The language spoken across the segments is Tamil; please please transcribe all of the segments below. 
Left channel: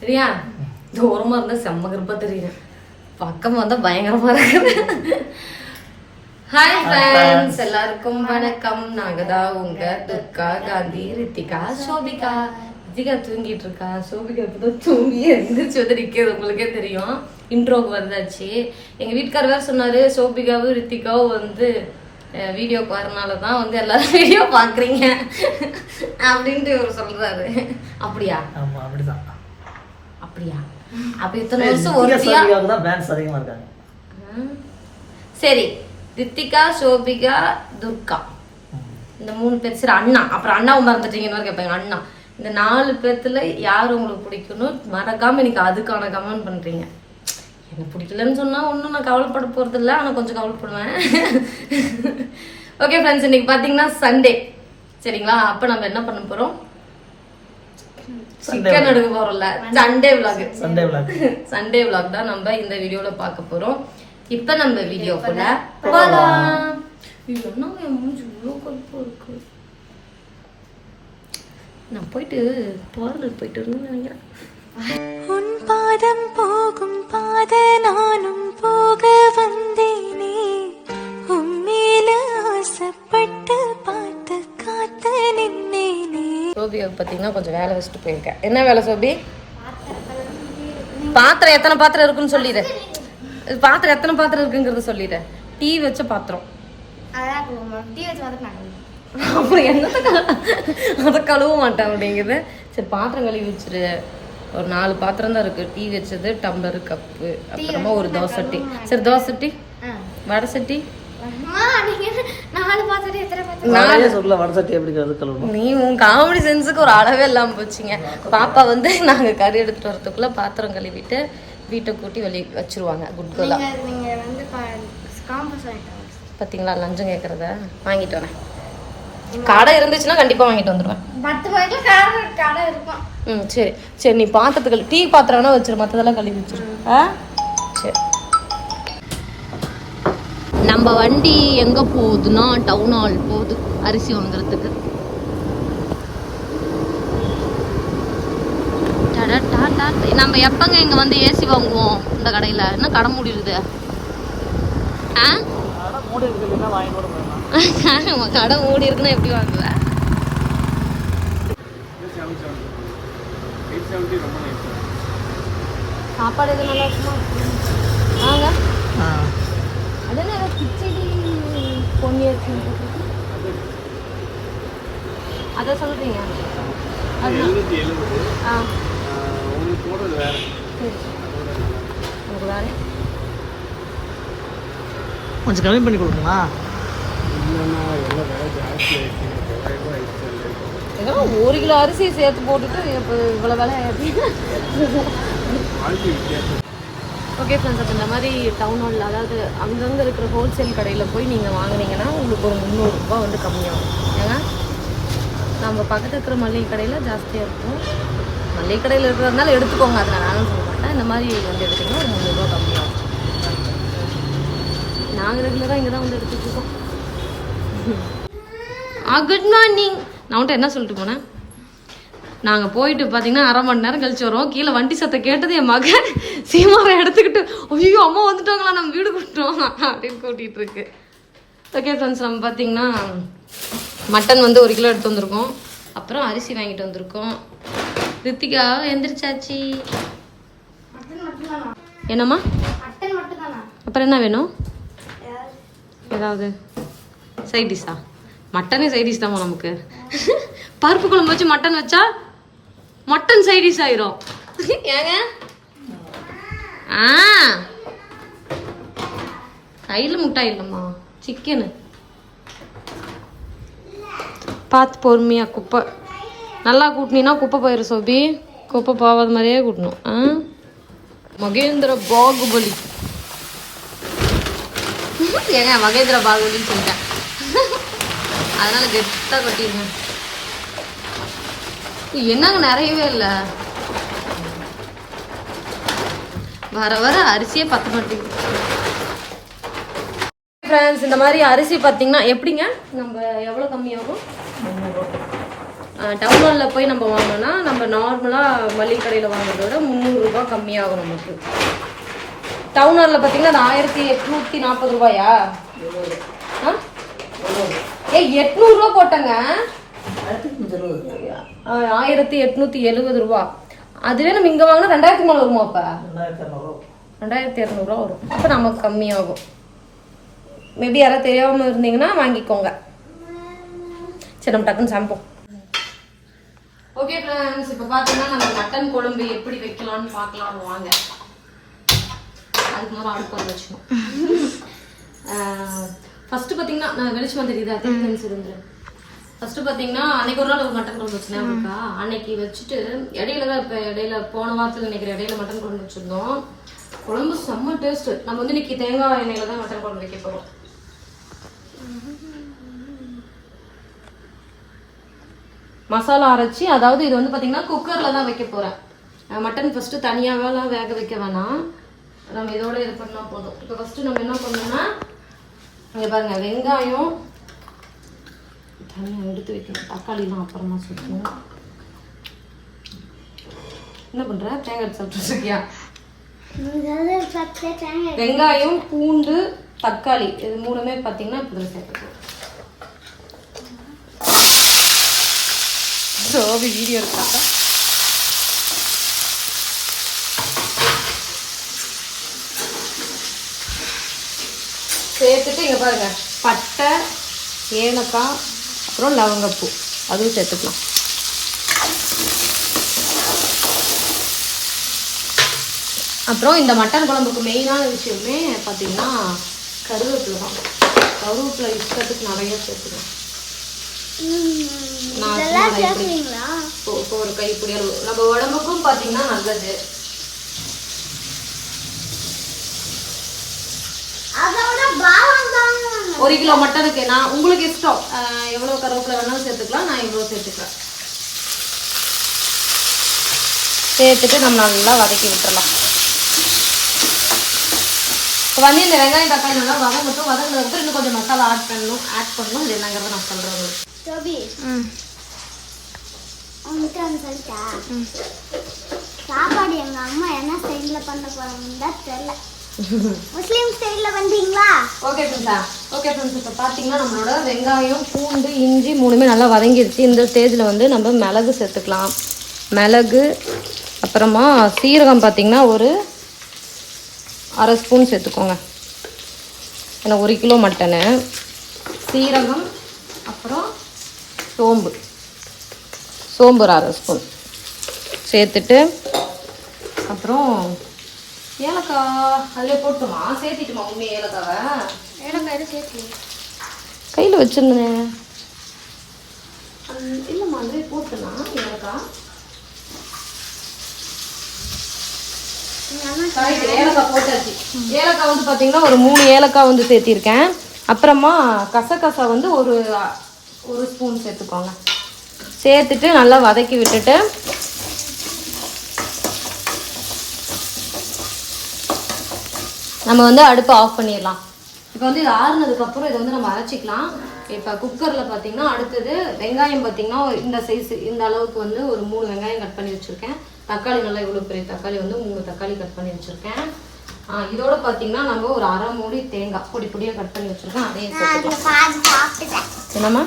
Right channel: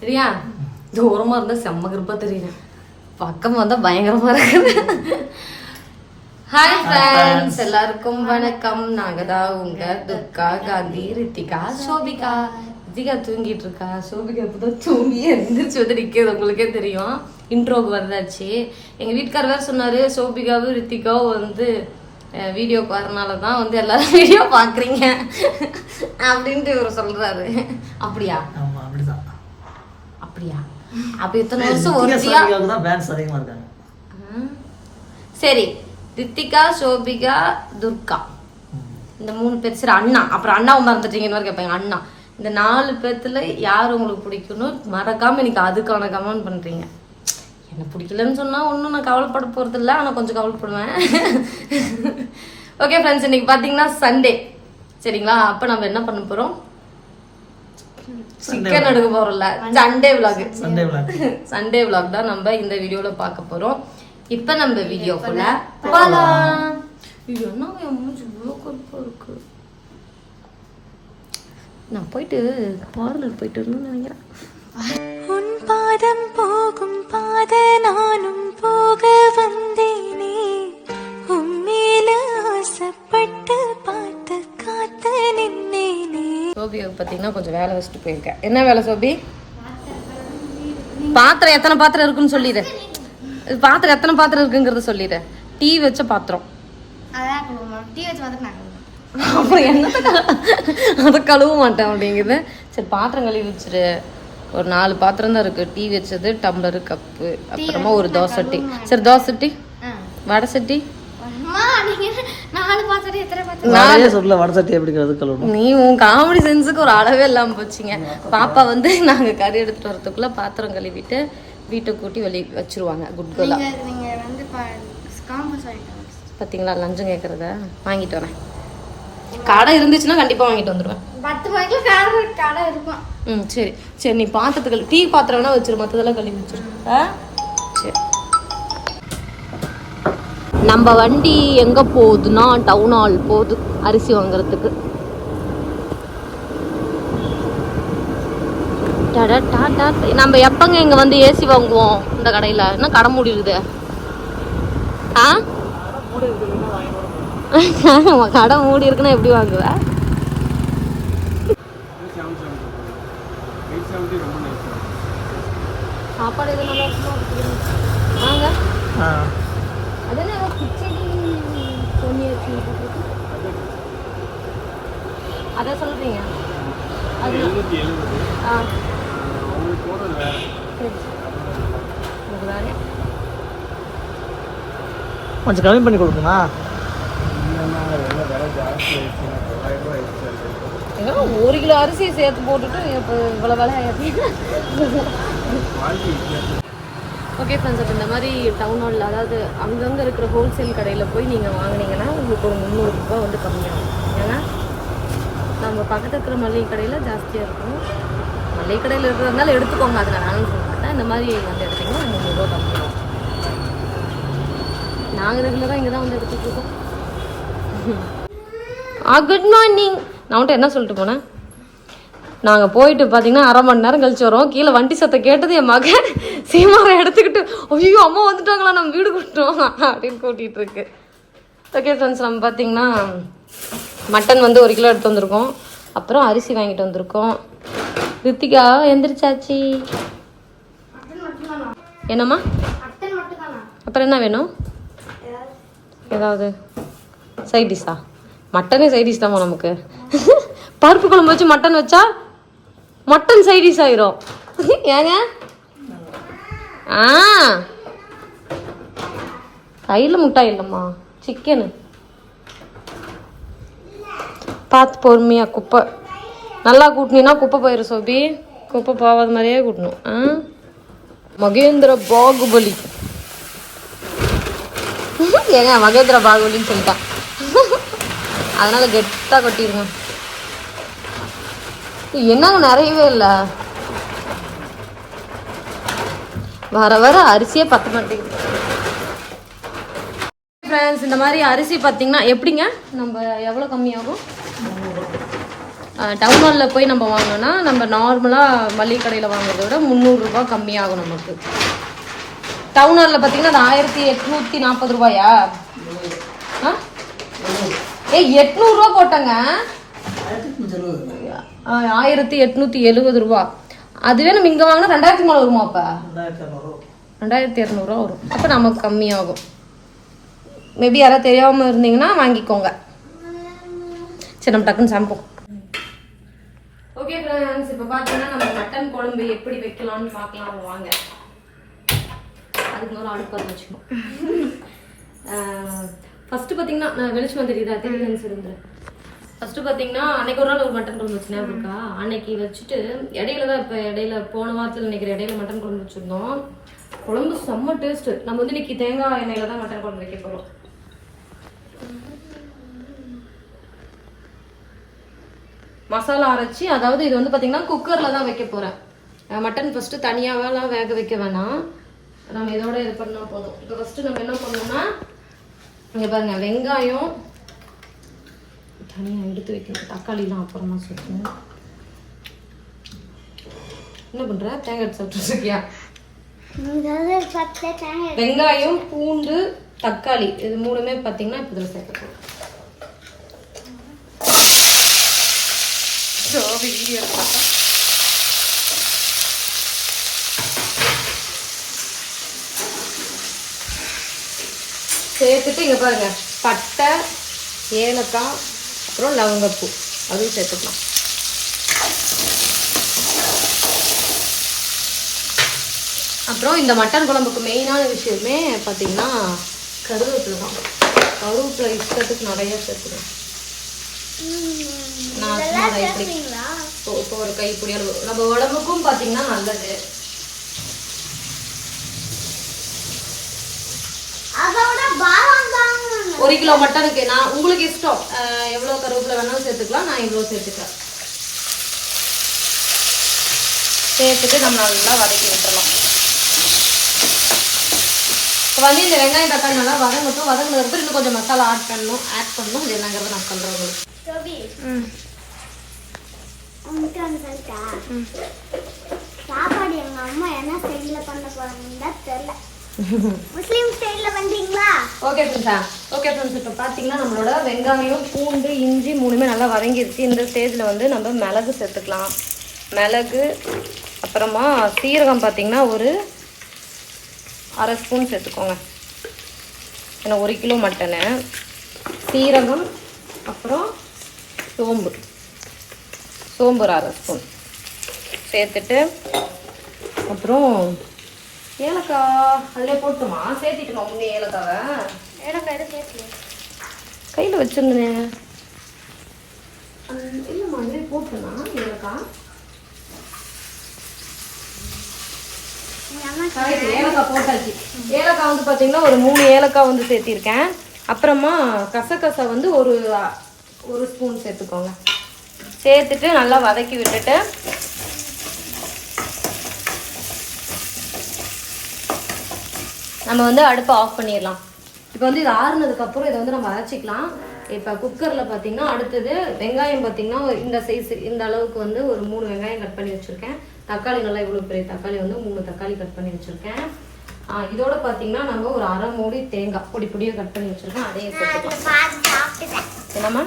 சரியா தூரமா இருந்தா செம்ம கருப்பா தெரியும் பக்கம் வந்தா பயங்கரமா இருக்கு ஹாய் ஃப்ரெண்ட்ஸ் எல்லாருக்கும் வணக்கம். நாங்க தான் உங்க துர்கா காந்தி ரித்திகா சோபிகா. ரித்திகா தூங்கிட்டு இருக்கா? சோபிகா இப்பதான் தூங்கி எந்திரிச்சு வந்து நிக்கிறது உங்களுக்கே தெரியும். இன்ட்ரோக்கு வந்தாச்சு. எங்க வீட்டுக்கார் வேற சொன்னாரு சோபிகாவும் ரித்திகாவும் வந்து வீடியோக்கு வரனால தான் வந்து எல்லாரும் வீடியோ பாக்குறீங்க. அப்படின்ட்டு இவர் சொல்றாரு. அப்படியா? ஆமா அப்படிதான். அப்படியா? அப்ப இத்தனை வருஷம் ஒரு தான் ஃபேன்ஸ் அதிகமா இருக்காங்க. சரி ரித்திகா சோபிகா துர்கா. இந்த மூணு பேர் சரி அண்ணா. அப்புறம் அண்ணாவும் மறந்துட்டீங்கன்னு கேட்பாங்க அண்ணா. இந்த நாலு பேர்த்துல யார் உங்களுக்கு பிடிக்கும்னு மறக்காம இன்னைக்கு அதுக்கான கமெண்ட் பண்றீங்க. என்ன பிடிக்கலன்னு சொன்னா ஒன்றும் நான் கவலைப்பட போறது இல்லை ஆனால் கொஞ்சம் கவலைப்படுவேன். ஓகே ஃப்ரெண்ட்ஸ் இன்னைக்கு பார்த்தீங்கன்னா சண்டே சரிங்களா? அப்போ நம்ம என்ன பண்ண போறோம்? சிக்கன் எடுக்க போறோம்ல. Sunday vlog Sunday vlog Sunday vlog தான் நம்ம இந்த வீடியோல பார்க்க போறோம். இப்ப நம்ம வீடியோக்குள்ள போலாம். இது என்ன? என் மூஞ்சி இவ்வளோ கருப்பா இருக்கு. நான் போயிட்டு பார்லர் போயிட்டு இருந்தேன் நினைக்கிறேன். உன் பாதம் போகும் பாத நானும் போக வந்தேனே. உம்மேல ஆசைப்பட்டு பார்த்து காத்து நின்னேனே. சோபியாவுக்கு பார்த்தீங்கன்னா கொஞ்சம் வேலை வச்சுட்டு போயிருக்கேன். என்ன வேலை சோபி? பாத்திரம் எத்தனை பாத்திரம் இருக்குன்னு சொல்லிடு. பாத்திரம் எத்தனை பாத்திரம் இருக்குங்கிறத சொல்லிடு. டீ வச்ச பாத்திரம். அப்புறம் என்னத்த அதை கழுவ மாட்டேன் அப்படிங்குது. சரி பாத்திரம் கழுவி வச்சிரு. ஒரு நாலு பாத்திரம் தான் இருக்கு. டீ வச்சது டம்ளரு கப்பு அப்புறமா ஒரு தோசை டீ. சரி தோசை டீ. வடை சட்டி. நீ உன் காமெடி சென்ஸுக்கு ஒரு அளவே இல்லாம போச்சுங்க. பாப்பா வந்து நாங்க கறி எடுத்துட்டு வரதுக்குள்ள பாத்திரம் கழுவிட்டு வீட்டை கூட்டி வெளியே வச்சிருவாங்க. குட் கோலா நீங்க நீங்க வந்து காம்பஸ் வாங்கிட்டு பாத்தீங்களா லஞ்சம் கேக்குறத? வாங்கிட்டு வரேன். கடை இருந்துச்சுன்னா கண்டிப்பா வாங்கிட்டு வந்துருவேன். பத்து பாய்க்கு கடை கடை இருக்கும். ம் சரி. சரி நீ பாத்திரத்துக்கு டீ பாத்திரம் வேணா வச்சிரு மற்றதெல்லாம் கழுவி வச்சிரு. ஆ? சரி. நம்ம வண்டி எங்க போகுதுன்னா டவுன் ஹால் போகுது அரிசி வாங்குறதுக்கு. நம்ம எப்பங்க இங்க வந்து ஏசி வாங்குவோம் இந்த கடையில? என்ன கடை மூடி இருக்குது ஆ கடை மூடி இருக்குன்னா எப்படி வாங்குவ? சாப்பாடு எது நல்லா இருக்குமா? வாங்க. ஆ. அது என்ன கிச்சடி பொன்னி அரிசி போட்டிருக்கு அதை சொல்றீங்க? அது ஆ. சரி. உங்களுக்கு வேற? கொஞ்சம் கம்மி பண்ணி கொடுக்குமா ஒரு கிலோ அரிசி சேர்த்து போட்டுட்டு இப்போ இவ்வளோ விலை ஓகே ஃப்ரெண்ட்ஸ் அப்போ இந்த மாதிரி டவுன் ஹாலில் அதாவது அங்கங்கே இருக்கிற ஹோல்சேல் கடையில் போய் நீங்கள் வாங்குனீங்கன்னா உங்களுக்கு ஒரு முந்நூறுரூபா வந்து கம்மியாகும். ஏன்னா நம்ம பக்கத்தில் இருக்கிற மளிகை கடையில் ஜாஸ்தியாக இருக்கும். மளிகை கடையில் இருக்கிறதுனால எடுத்துக்கோங்க அதை நான் வேணும்னு சொல்ல மாட்டேன் இந்த மாதிரி வந்து எடுத்தீங்கன்னா ஒரு முந்நூறுரூவா கம்மியாகும். நாங்கள் ரெகுலராக இங்கே தான் வந்து எடுத்துட்டு இருக்கோம். ஆ குட் மார்னிங் நான் வந்துட்டு என்ன சொல்லிட்டு போனேன்? நாங்கள் போயிட்டு பார்த்தீங்கன்னா அரை மணி நேரம் கழிச்சு வரோம் கீழே வண்டி சத்தம் கேட்டது என் மகன். சீமாவை எடுத்துக்கிட்டு ஐயோ அம்மா வந்துட்டாங்களா? நம்ம வீடு கூட்டோம் அப்படின்னு கூட்டிகிட்டு இருக்கு. ஓகே ஃப்ரெண்ட்ஸ் நம்ம பார்த்தீங்கன்னா மட்டன் வந்து ஒரு கிலோ எடுத்து வந்திருக்கோம். அப்புறம் அரிசி வாங்கிட்டு வந்திருக்கோம். ரித்திகா எந்திரிச்சாச்சி. மட்டும் என்னம்மா? மட்டும் அப்புறம் என்ன வேணும்? ஏதாவது? சைட் டிஷ்ஷா மட்டனே சைட் டிஷ் நமக்கு. பருப்பு குழம்பு வச்சு மட்டன் வச்சா மட்டன் சைட் டிஷ் ஆயிரும். ஏங்க? ஆ. கையில் முட்டாய் இல்லைம்மா. சிக்கனு பார்த்து பொறுமையா குப்பை. நல்லா கூட்டினீன்னா குப்பை போயிடும் சோபி. குப்பை போகாத மாதிரியே கூட்டணும். ஆ? மகேந்திர பாகுபலி. ஏங்க மகேந்திர பாகுபலின்னு சொல்லிட்டேன். அதனால கெத்தா கொட்டிருக்கேன் என்னங்க நிறையவே இல்லை? வர வர அரிசியே பத்த மாட்டேங்குது. ஃப்ரெண்ட்ஸ் இந்த மாதிரி அரிசி பார்த்தீங்கன்னா எப்படிங்க? நம்ம எவ்வளோ கம்மியாகும்? டவுன் போய் நம்ம வாங்கினோம்னா நம்ம நார்மலாக மளிகை கடையில் வாங்குறத விட முந்நூறுரூபா கம்மியாகும் நமக்கு. டவுன் ஹாலில் பார்த்தீங்கன்னா அது ஆயிரத்தி எட்நூற்றி நாற்பது ரூபாயா? ஆ? ஏய் எட்நூறுரூவா போட்டங்க. ஆயிரத்தி எட்நூற்றி எழுபது ரூபா. அதுவே நம்ம இங்கே வாங்கினா ரெண்டாயிரத்தி மேலே வருமா அப்போ? ரெண்டாயிரத்தி இரநூறுவா வரும். அப்போ நமக்கு கம்மியாகும். மேபி யாராவது தெரியாமல் இருந்தீங்கன்னா வாங்கிக்கோங்க. சரி நம்ம டக்குன்னு சமைப்போம் ஓகே ஃப்ரெண்ட்ஸ் இப்போ பார்த்தீங்கன்னா நம்ம மட்டன் குழம்பு எப்படி வைக்கலாம்னு பார்க்கலாம் வாங்க. அதுக்கு முதல்ல அடுப்பு வச்சுக்கணும். ஃபர்ஸ்ட் பார்த்தீங்கன்னா நான் வெளிச்சம் தெரியுதா? தெரியுதுன்னு சொல்லுங்க ஃபர்ஸ்ட் பார்த்தீங்கன்னா அன்னைக்கு ஒரு நாள் ஒரு மட்டன் குழம்பு வச்சுனேன் அவருக்கா. அன்னைக்கு வச்சுட்டு இடையில தான் இப்போ இடையில போன வாரத்தில் நினைக்கிற இடையில மட்டன் குழம்பு வச்சிருந்தோம். குழம்பு செம்ம டேஸ்ட் நம்ம வந்து இன்னைக்கு தேங்காய் எண்ணெயில தான் மட்டன் குழம்பு வைக்க போகிறோம் மசாலா அரைச்சி அதாவது இது வந்து பார்த்தீங்கன்னா குக்கரில் தான் வைக்க போகிறேன் மட்டன் ஃபஸ்ட்டு தனியாகலாம் வேக வைக்க வேணாம். நம்ம இதோட இது பண்ணால் போதும். இப்போ ஃபஸ்ட்டு நம்ம என்ன பண்ணணும்னா இங்கே பாருங்க வெங்காயம் தனியாக எடுத்து வைக்கணும். தக்காளிலாம் அப்புறமா சேர்க்கணும் என்ன பண்ணுற தேங்காய் எடுத்து சாப்பிட்டுருக்கியா வெங்காயம் பூண்டு தக்காளி இது மூணுமே பார்த்தீங்கன்னா இப்போ இதில் சேர்க்கணும் ஜோபி வீடியோ பார்த்தா சேர்த்துட்டு இங்கே பாருங்க. பட்டை ஏலக்காய் அப்புறம் லவங்கப்பூ. அதுவும் சேர்த்துக்கலாம். அப்புறம் இந்த மட்டன் குழம்புக்கு மெயினான விஷயமே பார்த்தீங்கன்னா கருவேப்பிலை தான். கருவேப்பிலை இஷ்டத்துக்கு நிறைய சேர்த்துக்கலாம். நான் சும்மா கைப்பிடி இப்போ இப்போ ஒரு கைப்பிடி அளவு. நம்ம உடம்புக்கும் பார்த்தீங்கன்னா நல்லது. ஒரு கிலோ மட்டனுக்கு நான் உங்களுக்கு இஷ்டம். எவ்வளோ கருவேப்பிலை வேணாலும் சேர்த்துக்கலாம். நான் இவ்வளோ சேர்த்துக்கலாம். சேர்த்துட்டு நம்ம நல்லா வதக்கி விட்டுறலாம். இப்போ வந்து இந்த வெங்காயம் தக்காளி நல்லா வதங்கட்டும். வதங்கினதுக்கப்புறம் இன்னும் கொஞ்சம் மசாலா ஆட் பண்ணணும். ஆட் பண்ணணும். அது என்னங்கிறத நான் சொல்கிறேன் உங்களுக்கு. சாப்பாடு எங்க அம்மா என்ன ஸ்டைல்ல பண்ண போறாங்கன்னு தான் தெரியல. முஸ்லீம் ஓகே ஃப்ரெண்ட்ஸா ஓகே ஃப்ரெண்ட்ஸ் இப்போ பார்த்தீங்கன்னா நம்மளோட வெங்காயம் பூண்டு இஞ்சி மூணுமே நல்லா வதங்கிடுச்சு இந்த ஸ்டேஜில் வந்து நம்ம மிளகு சேர்த்துக்கலாம். மிளகு அப்புறமா சீரகம் பார்த்தீங்கன்னா ஒரு அரை ஸ்பூன் சேர்த்துக்கோங்க. ஏன்னா ஒரு கிலோ மட்டனு சீரகம் அப்புறம் சோம்பு. சோம்பு ஒரு அரை ஸ்பூன். சேர்த்துட்டு அப்புறம் ஏலக்காய் அதிலே போட்டுமா? சேர்த்திட்டுமா உண்மை ஏலக்காவை? எனக்கு எது சேர்த்து? கையில் வச்சுருந்தேன். இல்லைம்மா அதுவே போட்டுனா ஏலக்காய் ஏலக்காய் போட்டாச்சு. ஏலக்காய் வந்து பார்த்தீங்கன்னா ஒரு மூணு ஏலக்காய் வந்து சேர்த்திருக்கேன். அப்புறமா கசகசா வந்து ஒரு ஒரு ஸ்பூன் சேர்த்துக்கோங்க. சேர்த்துட்டு நல்லா வதக்கி விட்டுட்டு நம்ம வந்து அடுப்பு ஆஃப் பண்ணிடலாம். இப்போ வந்து இது ஆறுனதுக்கப்புறம் இதை வந்து நம்ம அரைச்சிக்கலாம். இப்போ குக்கரில் பார்த்தீங்கன்னா அடுத்தது வெங்காயம் பார்த்தீங்கன்னா இந்த சைஸ் இந்த அளவுக்கு வந்து ஒரு மூணு வெங்காயம் கட் பண்ணி வச்சுருக்கேன். தக்காளி நல்லா இவ்வளோ பெரிய தக்காளி வந்து மூணு தக்காளி கட் பண்ணி வச்சுருக்கேன். இதோட பார்த்தீங்கன்னா நம்ம ஒரு அரை மூடி தேங்காய் பொடி பொடியாக கட் பண்ணி வச்சுருக்கேன் அதையும் சேர்த்துக்கலாம். என்னம்மா?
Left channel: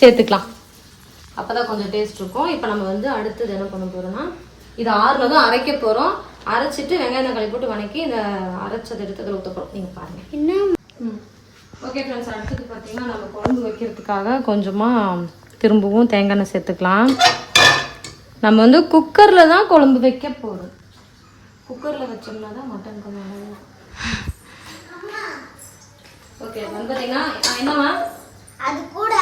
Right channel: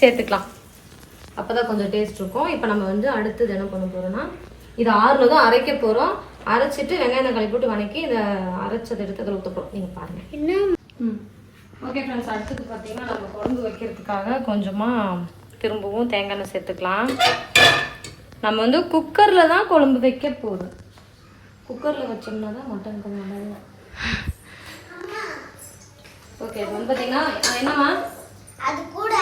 சேர்த்துக்கலாம். அப்பதான் கொஞ்சம் டேஸ்ட் இருக்கும். இப்போ நம்ம வந்து அடுத்தது என்ன பண்ண போறோம்னா இது ஆறுனதும் அரைக்க போறோம். அரைச்சிட்டு வெங்காயம் தக்காளி போட்டு வணக்கி இந்த அரைச்சதை எடுத்து அதில் ஊற்ற போகிறோம் நீங்கள் பாருங்க. என்ன? ஓகே ஃப்ரெண்ட்ஸ் அடுத்தது பார்த்தீங்கன்னா நம்ம குழம்பு வைக்கிறதுக்காக கொஞ்சமாக திரும்பவும் தேங்காய் எண்ணெய் சேர்த்துக்கலாம். நம்ம வந்து குக்கரில் தான் குழம்பு வைக்க போகிறோம் குக்கரில் வச்சோம்னா தான் மட்டன் நல்லா இருக்கும். ஓகே பார்த்தீங்கன்னா என்னம்மா அது கூட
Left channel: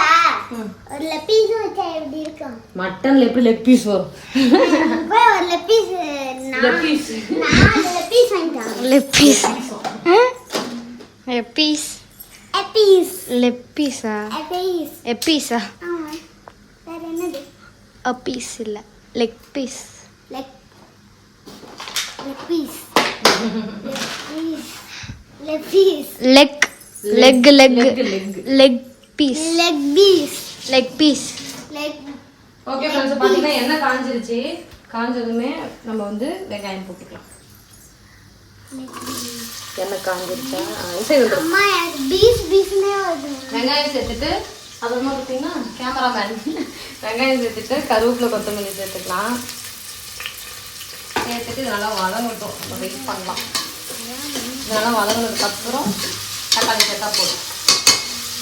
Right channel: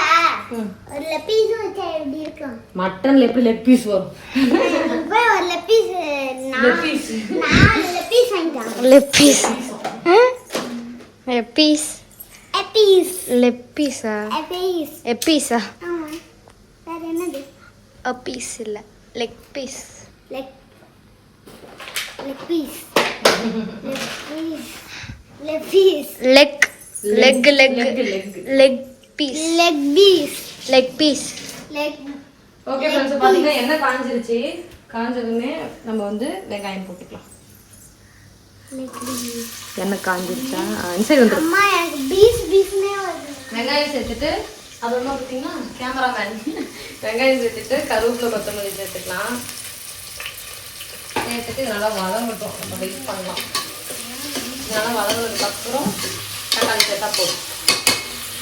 ம். ஒரு லெப்பீஸும் வச்சா எப்படி இருக்கும்? மட்டன்ல எப்படி லெக் பீஸ் வரும். போய் ஒரு லெப்பீஸ் லெக் பீஸ் நாலு லெப்பீஸ் வாங்கிட்டாங்க லெப்பீஸ் லெப்பீஸ் எப்பீஸ் லெப்பீஸா எப்பீஸ் எப்பீஸா ஆமா. வேற என்னது? அப்பீஸ் இல்லை. Leg piece leg leg piece leg piece leg leg leg leg leg leg piece leg piece leg piece leg okay friends பார்த்தீங்கன்னா எண்ணெய் காஞ்சிருச்சு? காஞ்சதுமே நம்ம வந்து வெங்காயம் போட்டுக்கலாம். எண்ணெய் காஞ்சிருச்சா? சரி வந்து. அம்மா எனக்கு பீஸ் பீஸ்னே வருது. வெங்காயம் சேர்த்துட்டு அப்புறமா பார்த்தீங்கன்னா கேமராமேன் வெங்காயம் சேர்த்துட்டு கருவேப்பிலை கொத்தமல்லி சேர்த்துக்கலாம். சேர்த்துட்டு இது நல்லா வதங்கட்டும். நம்ம வெயிட் பண்ணலாம். இது நல்லா வதங்கினதுக்கு அப்புறம் தக்காளி சேர்த்தா போதும்.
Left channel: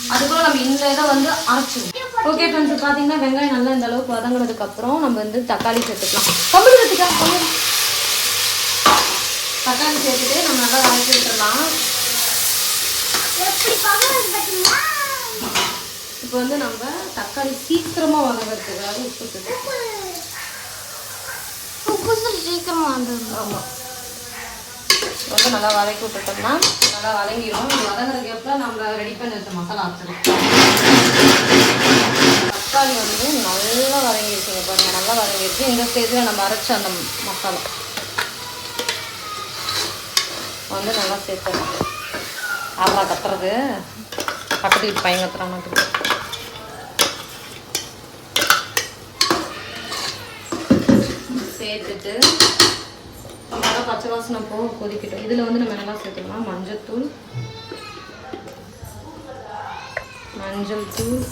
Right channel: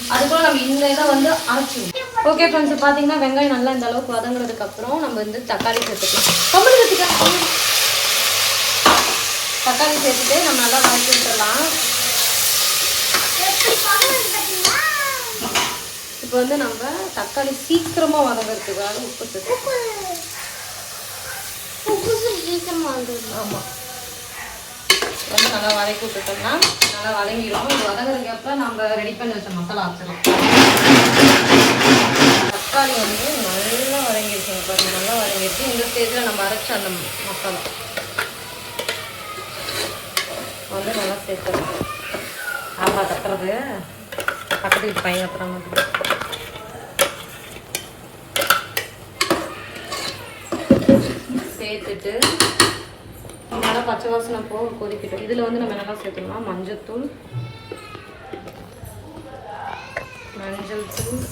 அதுக்கப்புறம் நம்ம இந்த இதை வந்து அரைச்சிடுவோம் ஓகே ஃப்ரெண்ட்ஸ் பார்த்தீங்கன்னா வெங்காயம் நல்லா இந்த அளவுக்கு வதங்கினதுக்கு அப்புறம் நம்ம வந்து தக்காளி சேர்த்துக்கலாம். தமிழ் கற்றுக்கலாம் தக்காளி சேர்த்துட்டு நம்ம நல்லா வதக்கி பார்த்தீங்களா இப்போ வந்து நம்ம தக்காளி சீக்கிரமா வதங்கிறதுக்காக உப்பு சேர்த்து உப்பு. சரி சீக்கிரமா வந்துடும் ரொம்ப நல்லா வதக்கி விட்டுட்டோம்னா நல்லா வதங்கிடும். அது வதங்குற கேப்ல நம்ம ரெடி பண்ணி வச்ச மசாலா ஆச்சிடும் தக்காளி வந்து நல்லா வதங்கிருச்சு. பாருங்க நல்லா வதங்கிருக்கு இந்த ஸ்டேஜில் நம்ம அரைச்ச அந்த மசாலா. வந்து நல்லா சேர்த்துருக்கோம் ஆமா கட்டுறது பக்கத்து வீட்டு பையன் கத்துற மாதிரி. சேர்த்துட்டு நல்லா பச்சை வாசனை போக கொதிக்கட்டும். இதில் வந்து நம்ம என்னெல்லாம் சேர்த்துக்கலாம் மஞ்சத்தூள் மஞ்சள் தூள்.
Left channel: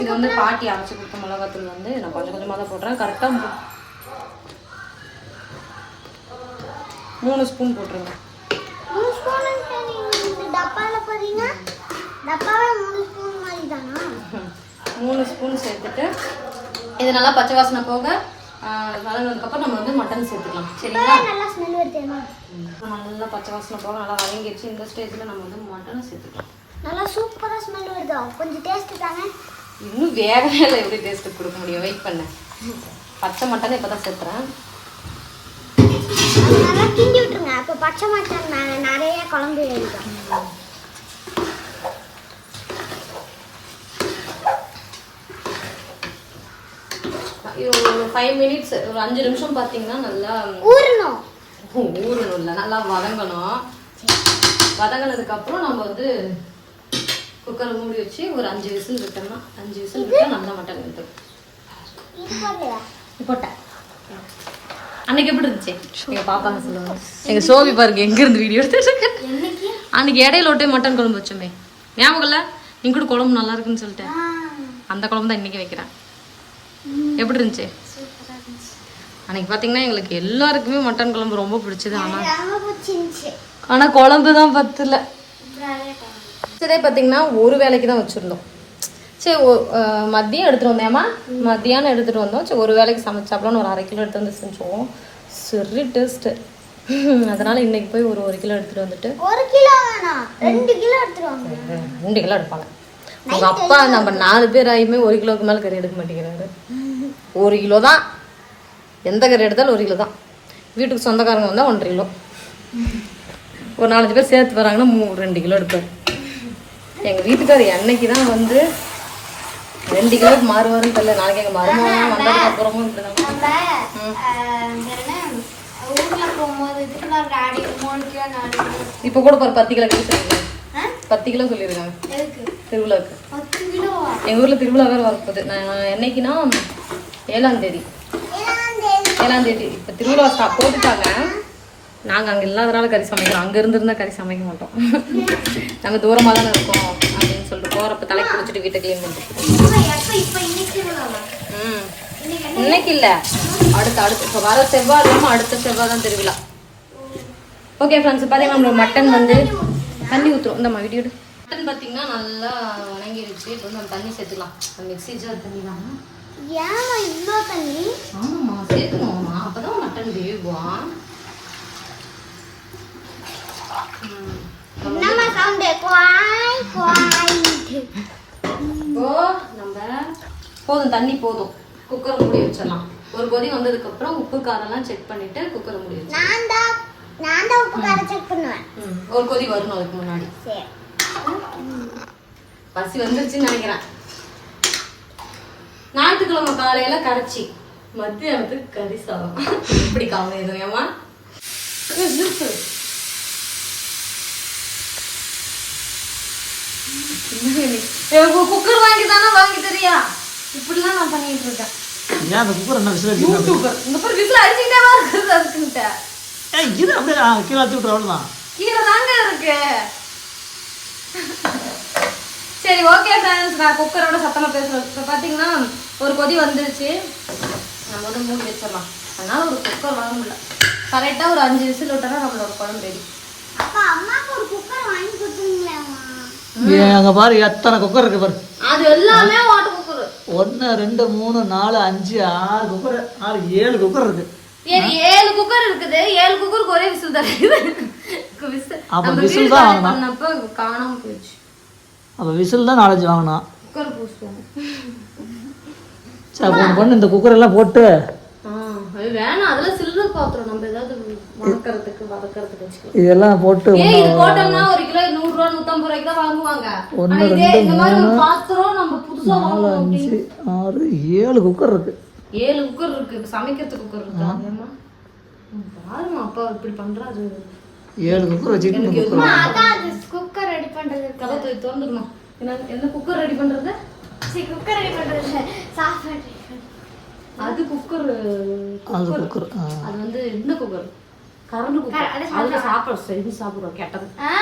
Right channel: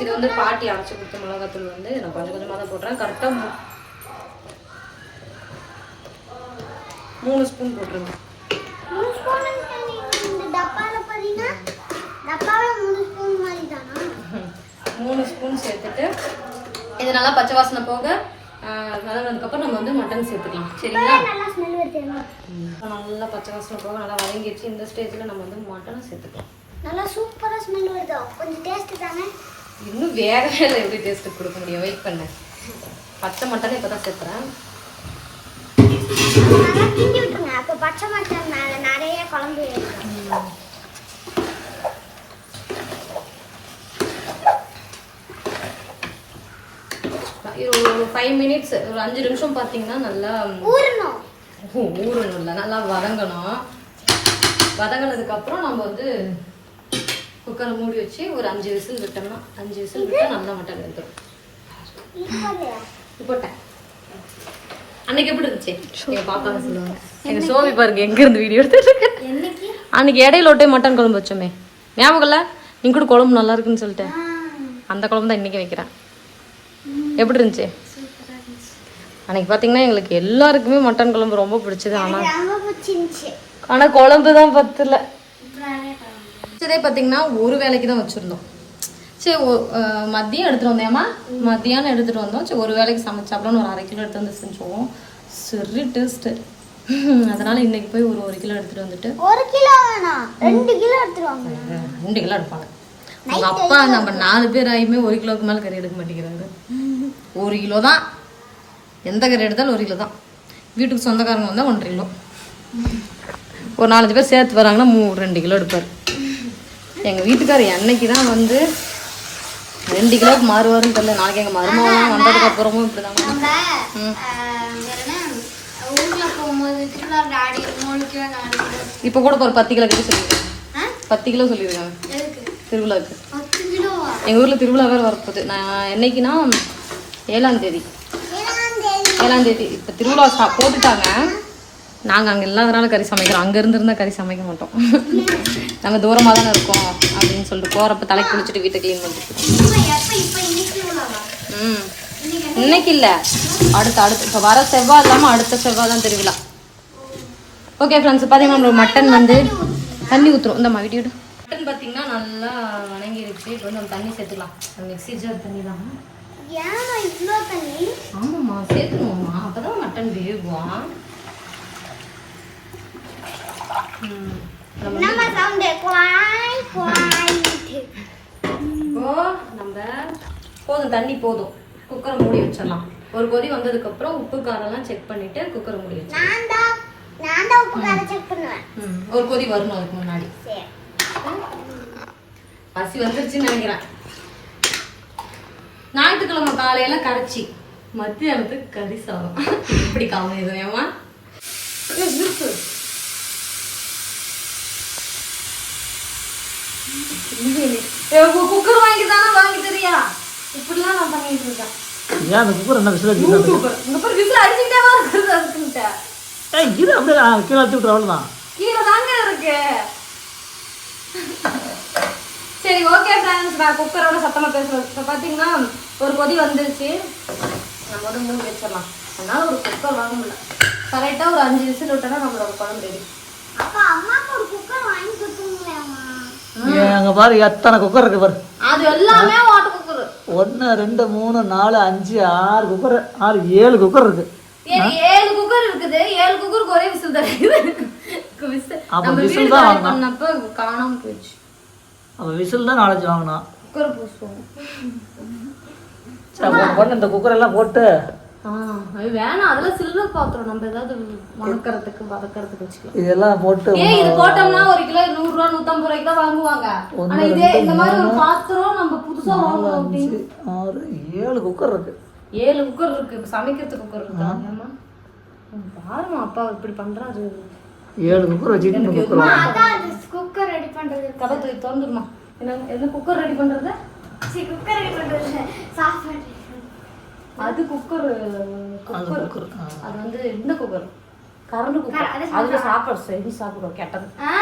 இது வந்து பாட்டி அரைச்சி கொடுத்த மிளகாத்தூள் வந்து நான் கொஞ்சம் கொஞ்சமாக தான் போடுறேன். கரெக்டாக மூணு ஸ்பூன் போட்டுருங்க. மூணு ஸ்பூன் சேர்த்துட்டு இது நல்லா பச்சை வாசனை போக வதங்கினதுக்கப்புறம் நம்ம வந்து மட்டன் சேர்த்துக்கலாம். சரிங்களா? நல்லா பச்சை வாசனை போக நல்லா வதங்கிடுச்சு. இந்த ஸ்டேஜில் நம்ம வந்து மட்டனை சேர்த்துக்கலாம். நல்லா சூப்பரா ஸ்மெல் வருது? கொஞ்சம் டேஸ்ட் தானே? இன்னும் வேகவே இல்லை எப்படி டேஸ்ட்டு கொடுக்க முடியும்? வெயிட் பண்ணேன் பச்சை மட்டனை இப்போ தான் அப்போ பச்சை மட்டன் நிறைய குழம்பு இது ஒரு ஃபைவ் மினிட்ஸ் ஒரு அஞ்சு நிமிஷம் பார்த்தீங்கன்னா நல்லா ஊறணும். ஊறணும் இல்லை நல்லா வதங்கணும். வதங்கினதுக்கப்புறம் நம்ம வந்து குக்கர் மூடி வச்சு ஒரு அஞ்சு விசில் விட்டோம்னா அஞ்சு விசில் விட்டா நல்லா மட்டன் வெந்துடும் போட்டேன். அன்னைக்கு எப்படி இருந்துச்சு? பாப்பாங்க சொல்லுங்க. எங்க சோபி பாருங்க எங்க இருந்து வீடியோ எடுத்துட்டு அன்னைக்கு இடையில ஒட்டே மட்டன் குழம்பு வச்சோமே. ஞாபகம் இல்ல? நீங்க கூட குழம்பு நல்லா இருக்குன்னு சொல்லிட்டு அந்த குழம்பு தான் இன்னைக்கு வைக்கிறேன். எப்படி இருந்துச்சு அன்னைக்கு பாத்தீங்கன்னா எங்களுக்கு எல்லாருக்குமே மட்டன் குழம்பு ரொம்ப பிடிச்சது ஆனா ரொம்ப பிடிச்சிருந்துச்சு ஆனா குழம்பு தான் பத்தல. இதே பார்த்தீங்கன்னா ஒரு வேலைக்கு தான் வச்சுருந்தோம். சரி மதியம் எடுத்துகிட்டு வந்தேம்மா? மத்தியானம் எடுத்துகிட்டு வந்தோம். சரி ஒரு வேலைக்கு சமைச்சாப்பலான்னு ஒரு அரை கிலோ எடுத்து வந்து செஞ்சோம். சரி டேஸ்ட்டு அதனால் இன்னைக்கு போய் ஒரு ஒரு கிலோ எடுத்துகிட்டு வந்துட்டு ஒரு கிலோ வேணாம். ரெண்டு கிலோ எடுத்துருவாங்க ரெண்டு கிலோ எடுப்பாங்க. உங்கள் அப்பா நம்ம நாலு பேர் ஆகியுமே ஒரு கிலோவுக்கு மேலே கறி எடுக்க மாட்டேங்கிறாரு. ஒரு கிலோ தான். எந்த கறி எடுத்தாலும் ஒரு கிலோ தான். வீட்டுக்கு சொந்தக்காரங்க வந்தால் ஒன்றரை கிலோ. ஒரு நாலஞ்சு பேர் சேர்த்து வராங்கன்னா மூ ரெண்டு கிலோ எடுப்பார். எங்கள் வீட்டுக்காரர் என்னைக்கு தான் வந்து ரெண்டு கிலோவுக்கு மாறுவாருன்னு தெரியல. நாளைக்கு எங்கள் மருமகன் வந்ததுக்கு அப்புறமும் இப்படி தான். மூணு இப்போ கூட ஒரு பத்து கிலோ கறி சொல்லியிருக்காங்க பத்து கிலோ சொல்லியிருக்காங்க திருவிழாவுக்கு எங்கள் ஊரில் திருவிழா வேறு வரப்போகுது. நான் என்னைக்குன்னா ஏழாம் தேதி. ஏழாம் தேதி. இப்போ திருவிழா ஸ்டா போட்டுட்டாங்க. நாங்கள் அங்கே இல்லாதனால கறி சமைக்கிறோம். அங்கே இருந்திருந்தா கறி சமைக்க மாட்டோம். நாங்கள் தூரமாக தானே இருக்கோம் அப்படின்னு சொல்லிட்டு போகிறப்ப தலை குளிச்சுட்டு வீட்டை க்ளீன் பண்ணிட்டு ம். இன்னைக்கு இல்லை. அடுத்த அடுத்த. இப்போ வர செவ்வாய் இல்லாமல் அடுத்த செவ்வாய் தான் திருவிழா. ஓகே ஃப்ரெண்ட்ஸ் பார்த்தீங்கன்னா நம்மளுக்கு மட்டன் வந்து தண்ணி ஊற்றுறோம் இந்த மாதிரி வீடியோ மட்டன் பார்த்தீங்கன்னா நல்லா வணங்கிருச்சு. இப்போ வந்து நம்ம தண்ணி சேர்த்துக்கலாம். மிக்ஸி ஜார் தண்ணி தான்? ஏன் இவ்வளோ தண்ணி? ஆமாம்மா சேர்த்துக்கணும்மா அப்பதான் மட்டன் வேகும் ம். என்னம்மா சவுண்டு? குவாய் குவாய்ட்டு இப்போ நம்ம போதும் தண்ணி போதும். குக்கர் மூடி வச்சிடலாம். ஒரு கொதி வந்ததுக்கு அப்புறம் உப்பு காரெல்லாம் செக் பண்ணிட்டு குக்கர் மூடி வச்சு நான் தான் நான் தான் உப்பு கார செக் பண்ணுவேன். ம். ஒரு கொதி வரணும் அதுக்கு முன்னாடி. சரி. பசி வந்துருச்சுன்னு நினைக்கிறேன். ஞாயிற்றுக்கிழமை காலையில கரைச்சி மத்தியானத்துக்கு கறி சாதம். எப்படி காலம் ஏமா குக்கர் வாங்கி தானே வாங்கி தெரியா? இப்படிலாம் நான் பண்ணிட்டு இருக்கேன். ஏன் அந்த குக்கர் என்ன விசில் அடிச்சு இந்த பேர் வீட்டுல அடிச்சுக்கிட்டே தான் இருக்கிறது அதுக்குன்ட்ட. ஏய் இரு அப்படியே கீழே அழுத்தி கீழே தாங்க இருக்கு. சரி ஓகே ஃப்ரெண்ட்ஸ் நான் குக்கரோட சத்தமா பேசுறேன். இப்போ பார்த்தீங்கன்னா ஒரு கொதி வந்துருச்சு. நம்ம வந்து மூடி வச்சிடலாம். அதனால ஒரு குக்கர் வாங்க முடியல. கரெக்டாக ஒரு அஞ்சு விசில் விட்டோன்னா நம்மளோட குழம்பு ரெடி அப்பா அம்மாக்கு ஒரு குக்கர் வாங்கி கொடுத்துருங்களேம்மா அங்கே பாரு எத்தனை குக்கர் இருக்கு பாரு. அது எல்லாமே ஒன்று ரெண்டு மூணு நாலு அஞ்சு ஆறு குக்கர் ஆறு ஏழு குக்கர் இருக்கு. ஏழு குக்கர் இருக்குது. ஏழு குக்கருக்கு ஒரே விசில் தான் இருக்குது. விசில் அப்ப தான். பண்ணப்போ காணாம போயிடுச்சு. அப்போ விசில் தான் நாலேஜ் வாங்கணும் குக்கர் பூசுவோம். சரி அப்போ பண்ணு இந்த குக்கர் எல்லாம் போட்டு வேணாம். அதெல்லாம் சில்வர் பாத்திரம். நம்ம ஏதாவது வதக்கறதுக்கு வதக்கறதுக்கு வச்சுக்கலாம். இதெல்லாம் போட்டு ஏய் இது போட்டோம்னா ஒரு கிலோ நூறு ரூபா நூத்தம்பது ரூபாய்க்கு தான் வாங்குவாங்க. ஆனா இதே இந்த மாதிரி ஒரு பாத்திரம் நம்ம புதுசா அஞ்சு ஆறு ஏழு குக்கர் இருக்கு. ஏழு குக்கர் இருக்கு இப்ப சமைக்கிறதுக்கு குக்கர் இருக்கா? பாருமா அப்பா இப்படி பண்றாரு ஏழு குக்கர் வச்சுட்டு குக்கர் வாங்க அதான் அது குக்கர் ரெடி பண்றது. கதை தூக்கி திறந்துருமா என்ன என்ன குக்கர் ரெடி பண்றது? சரி குக்கர் ரெடி பண்றது. சாப்பாடு அது குக்கர் குக்கர். அது வந்து இந்த குக்கர்? Current cooker. அதுல சாப்பாடு செஞ்சு சாப்பிடுவோம் கெட்டது. ஆ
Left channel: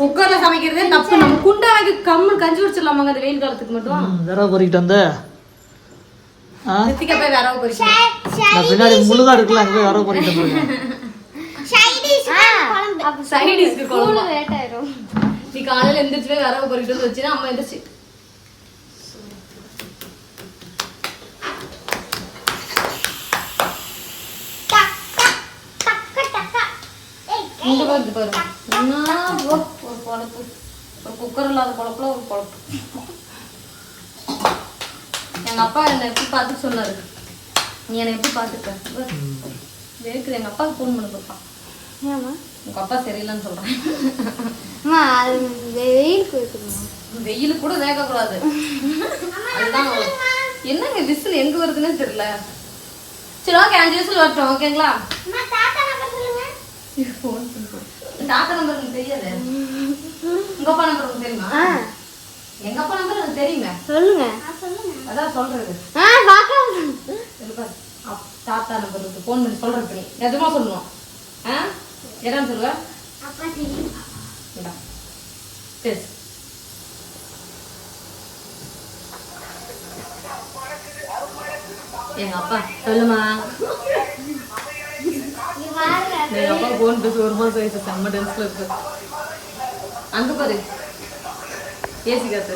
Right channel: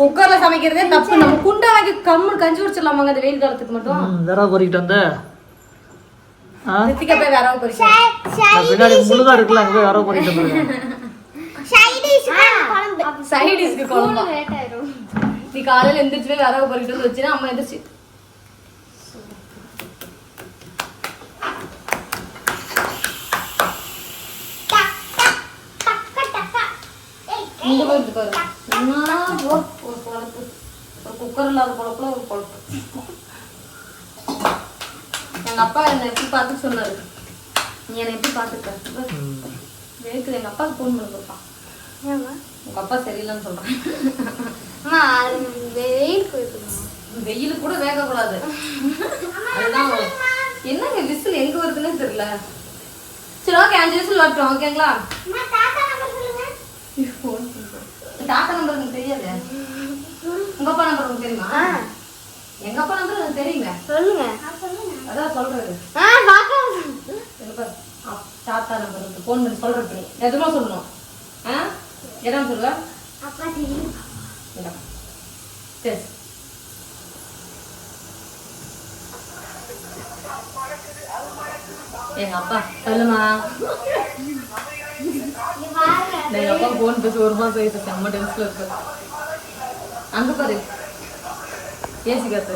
குக்கர்ல சமைக்கிறதே தப்பு. நம்ம குண்டை வாங்கி கம்மல் கஞ்சி குடிச்சிடலாமாங்க இந்த வெயில் காலத்துக்கு மட்டும். பொறிக்கிட்டு வந்து. ஆ ரித்திகா போய் வேற பொறிக்க நான் பின்னாடி முழுதா இருக்குல்ல அங்கே போய் விரவ பொறிக்கிட்டு வந்துருக்கேன் சைடிஷ் குழம்பு சைடிஸ்க்கு குழம்பா லேட் ஆயிரும் நீ காலையில எந்திரிச்சு போய் வரவு பொறிக்கிட்டு வந்து வச்சுன்னா அம்மா எந்திரிச்சு டக் டக் டக் டக் டக் ஏய் இங்க போயிருக்கு பாரு என்ன போ ஒரு பொழப்பு ஒரு குக்கர் இல்லாத பொழப்புல ஒரு பொழப்பு எங்க அப்பா என்னை எப்படி பார்த்து சொன்னாரு? நீ என்னை எப்படி பார்த்துக்க? வேக்குது எங்க அப்பாவுக்கு ஃபோன் பண்ணி பாப்பா. உங்க அப்பா சரியில்லைன்னு சொல்றேன் வெயில் கூட வேகக்கூடாது அதுதான் என்னங்க விசில் எங்க வருதுன்னே தெரியல. சரி ஓகே அஞ்சு விசில் வரட்டும் ஓகேங்களா தாத்தா நம்பர் தெரியாது. உங்க அப்பா நம்பர் தெரியுமா? எங்க அப்பா நம்பர் எனக்கு தெரியுங்க. சொல்லுங்க. அதான் சொல்றது. தாத்தா நம்பர் இருக்கு. ஃபோன் பண்ணி சொல்றது நீ எதுமா சொல்லணும். ஆ? என்ன சொல்லுவ? அப்பா தெரியும் இந்தா. சரி. எங்க அப்பா சொல்லுமா? எங்க அப்பா ஃபோன் பேசி ஒரு மாசம் ஆயிடுச்சு செம்ம டென்ஸ்ல இருக்கு. அங்க பாரு. ஏசி காத்து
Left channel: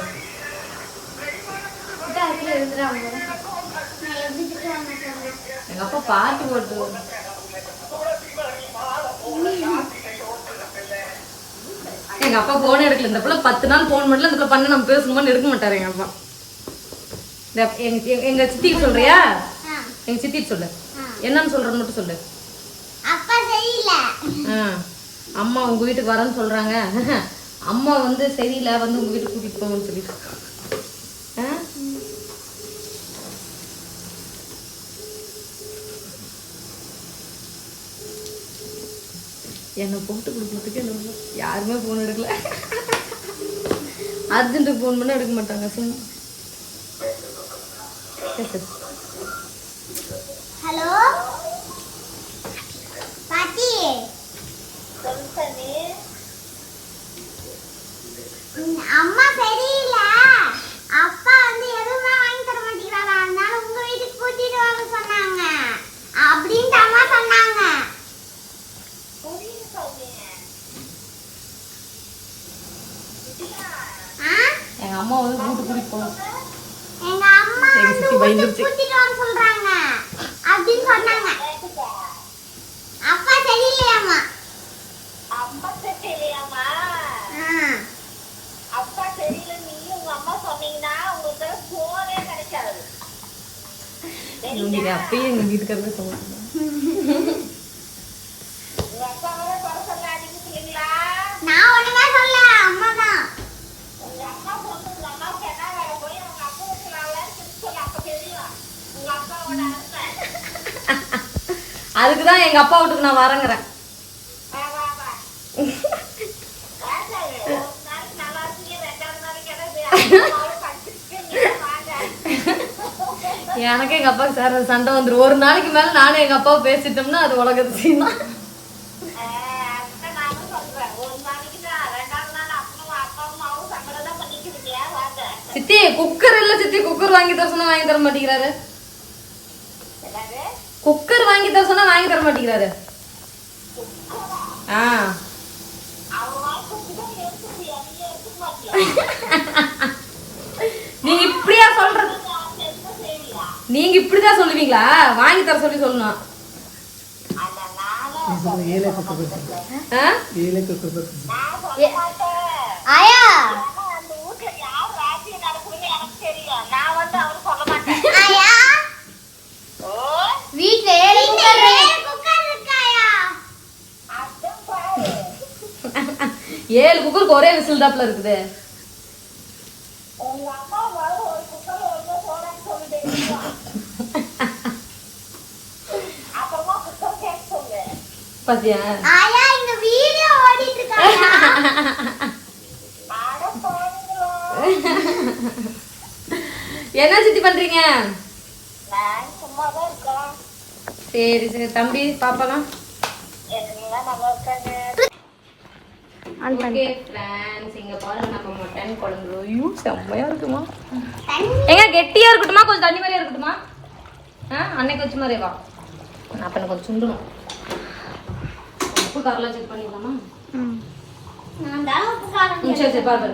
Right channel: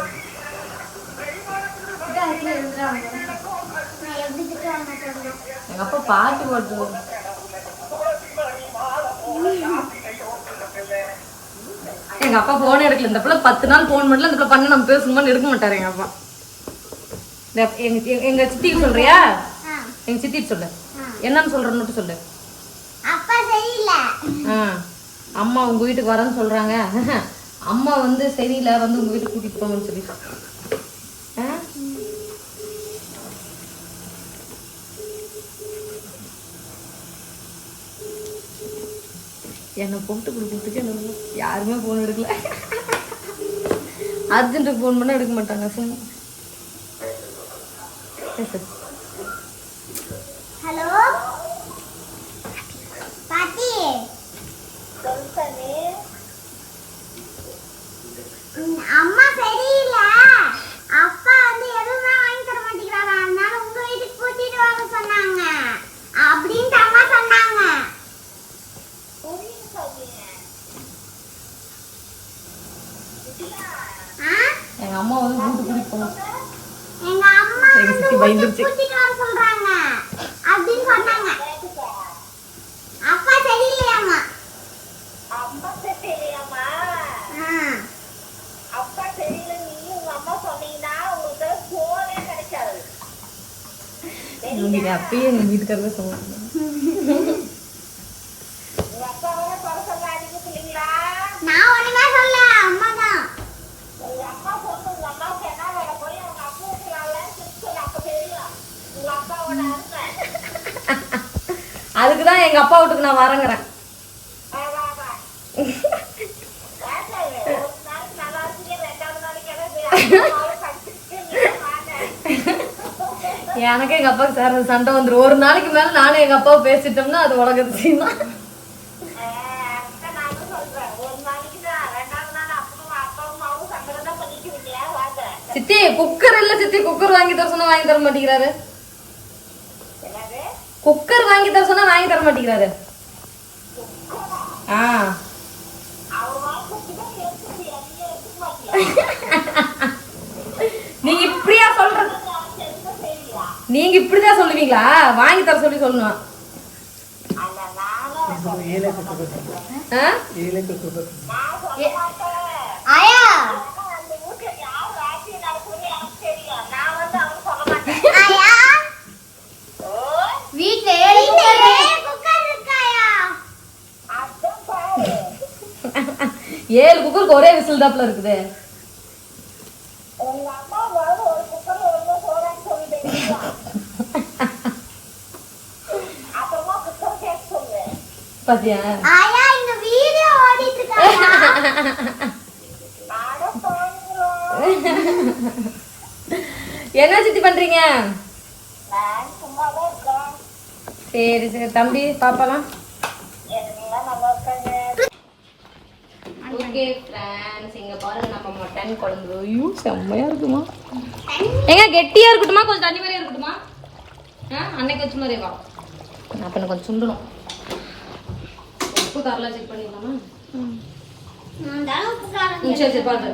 எங்க அப்பா பாட்டு பாட்டு எங்க அப்பா போன் எடுக்கல. இந்த பிள்ளை பத்து நாள் போன் பண்ணல. இந்த பிள்ளை பண்ண நம்ம பேசணுமான்னு எடுக்க மாட்டாரு எங்க அப்பா. எங்க சித்திக்கு சொல்றியா? எங்க சித்திக்கு சொல்லு. என்னன்னு சொல்றேன்னு மட்டும் சொல்லு. அப்பா சரியில்லை. அம்மா உங்க வீட்டுக்கு வரேன்னு சொல்றாங்க. அம்மா வந்து சரியில்லை வந்து உங்க வீட்டுக்கு கூட்டிட்டு போங்கன்னு சொல்லி ஆ? என்னை போட்டு கொடுக்கறதுக்கு என்ன யாருமே போன் எடுக்கல. அர்ஜென்ட்டுக்கு ஃபோன் பண்ணா எடுக்க மாட்டாங்க சும்மா. ஹலோ பாட்டி ம், அம்மா சரியில்லை அப்பா வந்து எதுவுமே வாங்கி தர மாட்டேங்கிறாரா அதனால உங்க வீட்டுக்கு கூட்டிட்டு வர சொன்னாங்க அப்படின்ட்டு அம்மா சொன்னாங்க எங்க அம்மா வந்து வீட்டு கூட்டிட்டு போங்க எங்க அம்மா எங்க வந்து சித்தி பயந்துருச்சு. அப்படின்னு சொன்னாங்க. அப்பா சரியில்லையாம்மா? அப்பா தெரியலையாமா ஆ. அப்பா தெரியல நீ உங்க அம்மா சொன்னீங்கன்னா உங்களுக்கு போனே கிடைக்காது. அப்பயே எங்க வீட்டுக்காரவே சொல்லுவாங்க அதுக்கு தான் எங்க அப்பா வீட்டுக்கு நான் வரங்குறேன். எனக்கு எங்க அப்பாவுக்கு சார் சண்டை வந்துடும் ஒரு நாளைக்கு மேல நானும் எங்க அப்பாவை பேசிட்டோம்னா அது உலகத்து சீமா. சித்தி குக்கர் இல்ல சித்தி குக்கர் வாங்கி தர சொன்னா வாங்கி தர மாட்டேங்கிறாரு. குக்கர் வாங்கி தர சொன்னா வாங்கி தர மாட்டேங்கிறாரு. ஆ. நீங்க இப்படியா சொல்றது நீங்க இப்படிதான் சொல்லுவீங்களா? வாங்கி தர சொல்லி சொல்லணும். ஆ? ஏழை குக்கர் பத்தி ஆயா அந்த வீட்டுல யார் ராஜ்யம் நடக்குதுன்னு எனக்கு தெரியும் நான் வந்து அவரு சொல்ல மாட்டேன் ஆயா ஓ வீட்ல ஏழு குக்கர் இருக்காயா அதான் பாரு ஏழு குக்கருக்கு ஒரே விசில் தாப்புல இருக்குது. பாத்தியா? ஆயா இங்க வீடியோ ஓடிட்டு இருக்காயா அட போறீங்களோ என்ன சித்தி பண்றீங்க நான் சும்மா தான் இருக்கேன் சரி சரி. தம்பி பாப்பாலாம்? ஓகே ஃப்ரெண்ட்ஸ் இங்க பாருங்க நம்ம மட்டன் குழம்பு. ஐயோ செம்மையா இருக்குமா? எங்க கெட்டியா இருக்கட்டுமா? கொஞ்சம் தண்ணி மாதிரியா இருக்கட்டுமா? ஆ அன்னைக்கு வச்ச மாதிரியே வா. அப்ப எனக்கு கொஞ்சம் சுண்டணும். உப்பு காரெல்லாம் செக் பண்ணிடலாமா நான் தான் உப்பு காரம் ம், சரி சரி பாத்து